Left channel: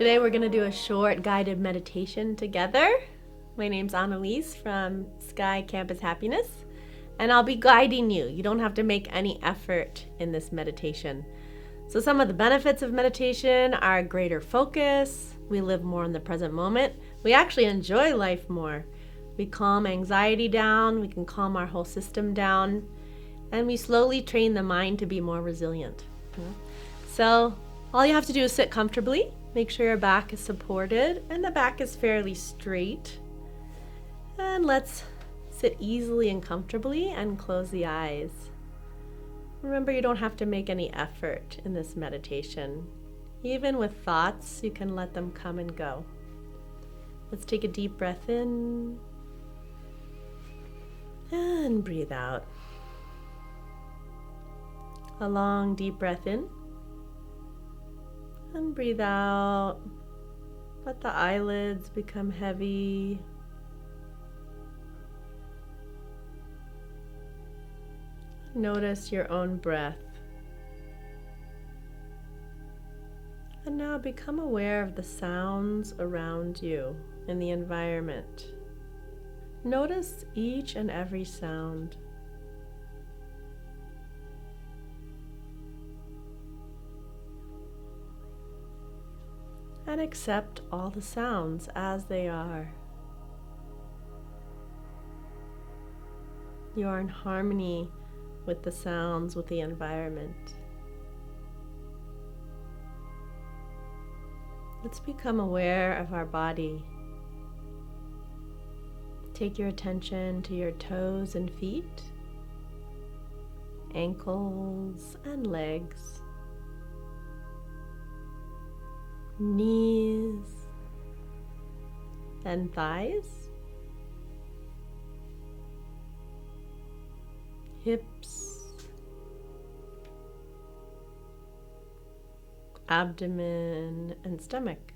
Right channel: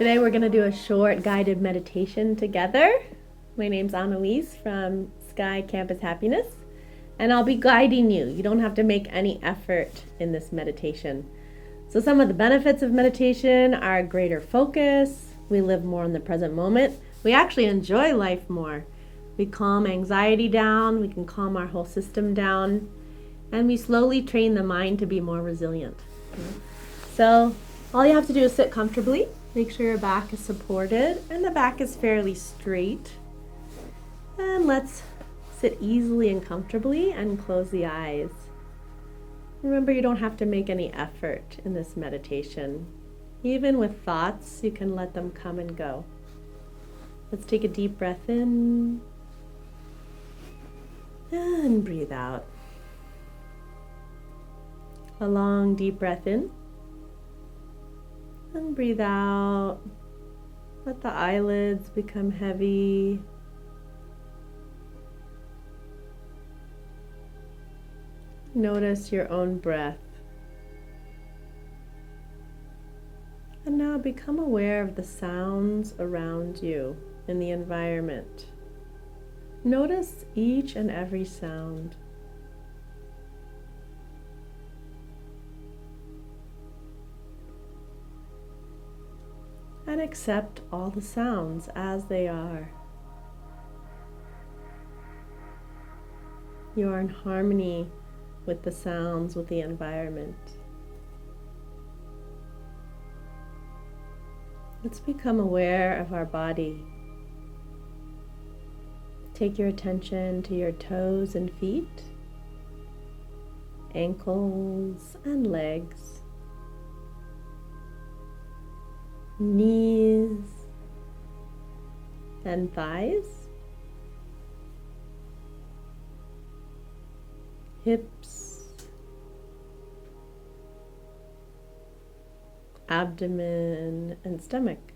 Today we're going to do a short guided meditation together. My name's Annalise from Sky Campus Happiness, and I'll be guiding you. You don't have to make any effort in this meditation. So some of the benefits of meditation are greater focus. We live more in the present moment. We actually enjoy life more. We calm anxiety down. We can calm our whole system down. And we slowly train the mind to be more resilient. So all you have to do is sit comfortably. Make sure your back is supported and the back is fairly straight. And let's sit easily and comfortably and close the eyes. Remember, you don't have to make any effort in this meditation. Even with thoughts, you can let them come and go. Let's take a deep breath in and breathe out. A long deep breath in. And breathe out. Let the eyelids become heavy. Notice your own breath. And now become aware of the sounds around you in the environment. Notice each and every sound. And accept all the sounds as they are. You are in harmony with the sounds, with the environment. Let's become aware of our body. Take your attention to your toes and feet, ankles and legs, knees and thighs, hips, abdomen and stomach.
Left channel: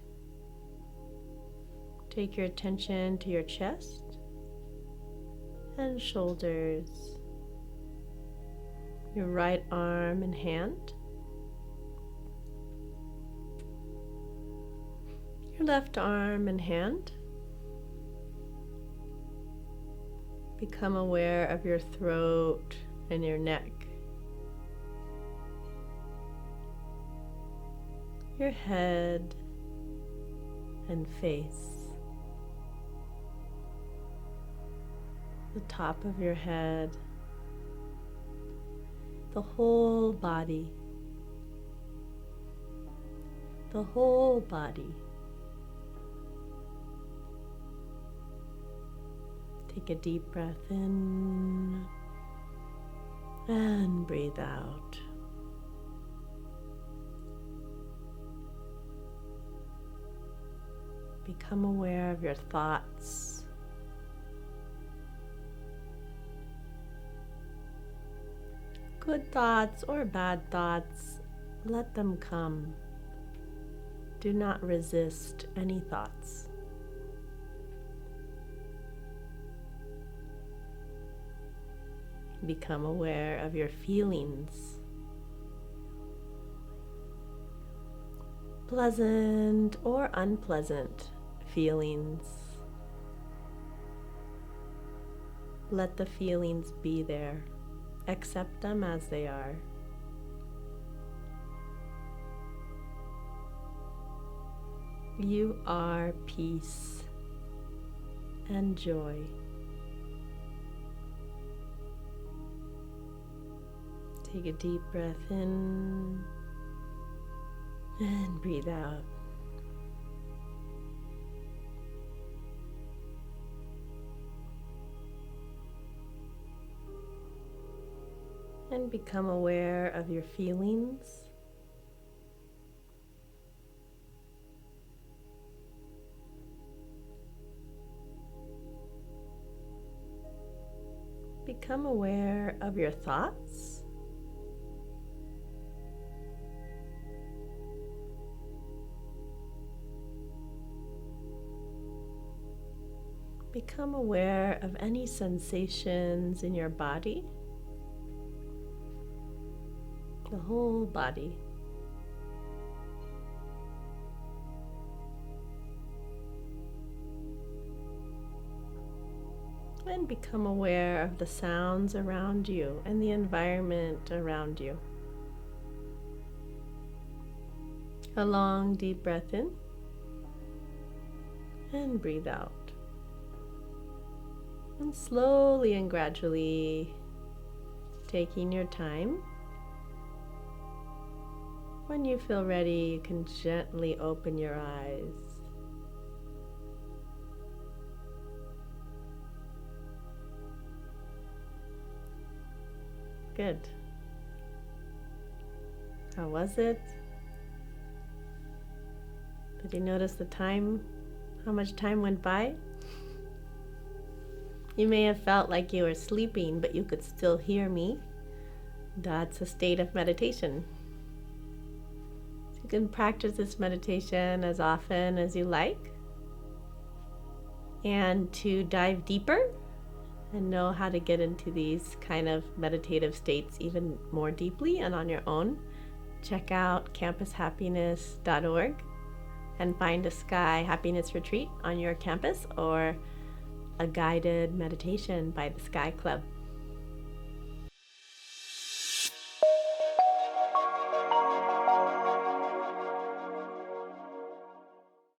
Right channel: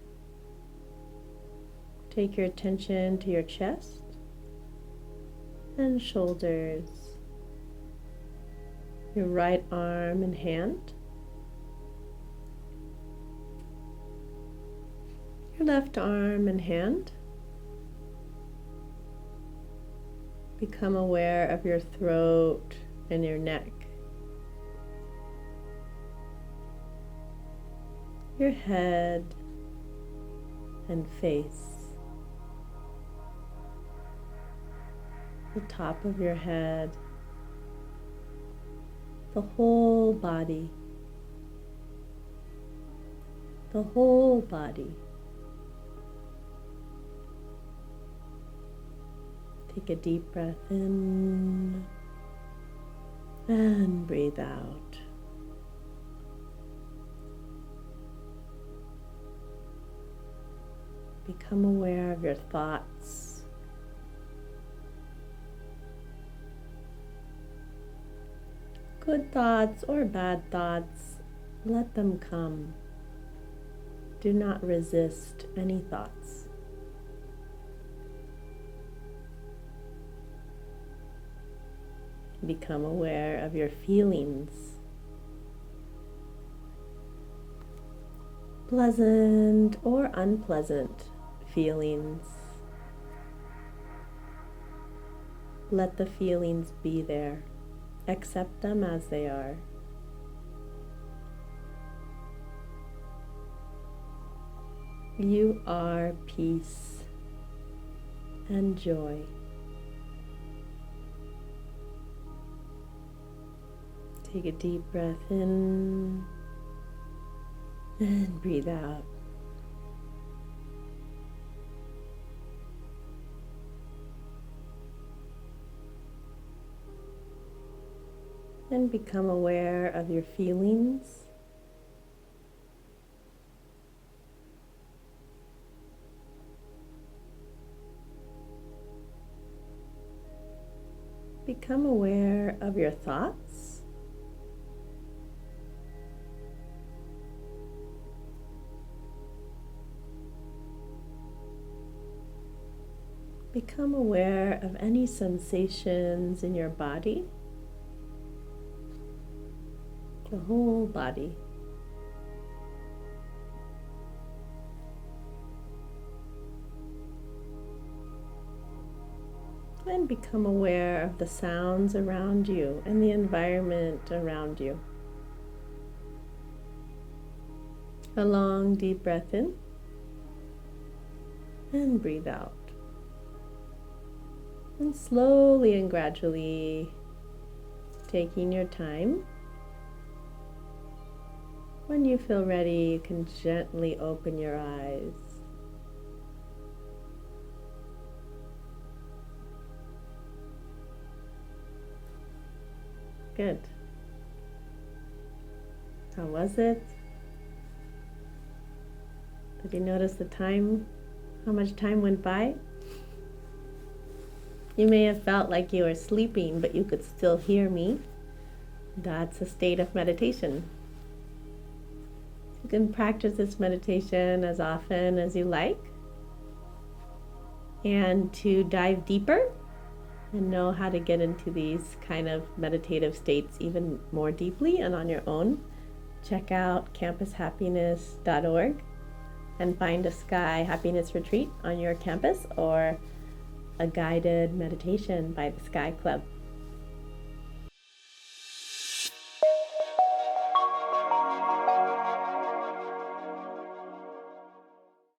Take your attention to your chest and shoulders, your right arm and hand, your left arm and hand. Become aware of your throat and your neck, your head and face, the top of your head, the whole body, the whole body. Take a deep breath in and breathe out. Become aware of your thoughts. Good thoughts or bad thoughts, let them come. Do not resist any thoughts. Become aware of your feelings. Pleasant or unpleasant feelings. Let the feelings be there. Accept them as they are. You are peace and joy. Take a deep breath in and breathe out. And become aware of your feelings. Become aware of your thoughts. Become aware of any sensations in your body, the whole body. and become aware of the sounds around you and the environment around you. A long, deep breath in and breathe out. And slowly and gradually, taking your time, when you feel ready, you can gently open your eyes. Good. How was it? Did you notice the time? How much time went by? You may have felt like you were sleeping, but you could still hear me. That's a state of meditation. You can practice this meditation as often as you like. And to dive deeper and know how to get into these kind of meditative states even more deeply and on your own, check out campushappiness.org and find a Sky Happiness Retreat on your campus or a guided meditation by the Sky Club.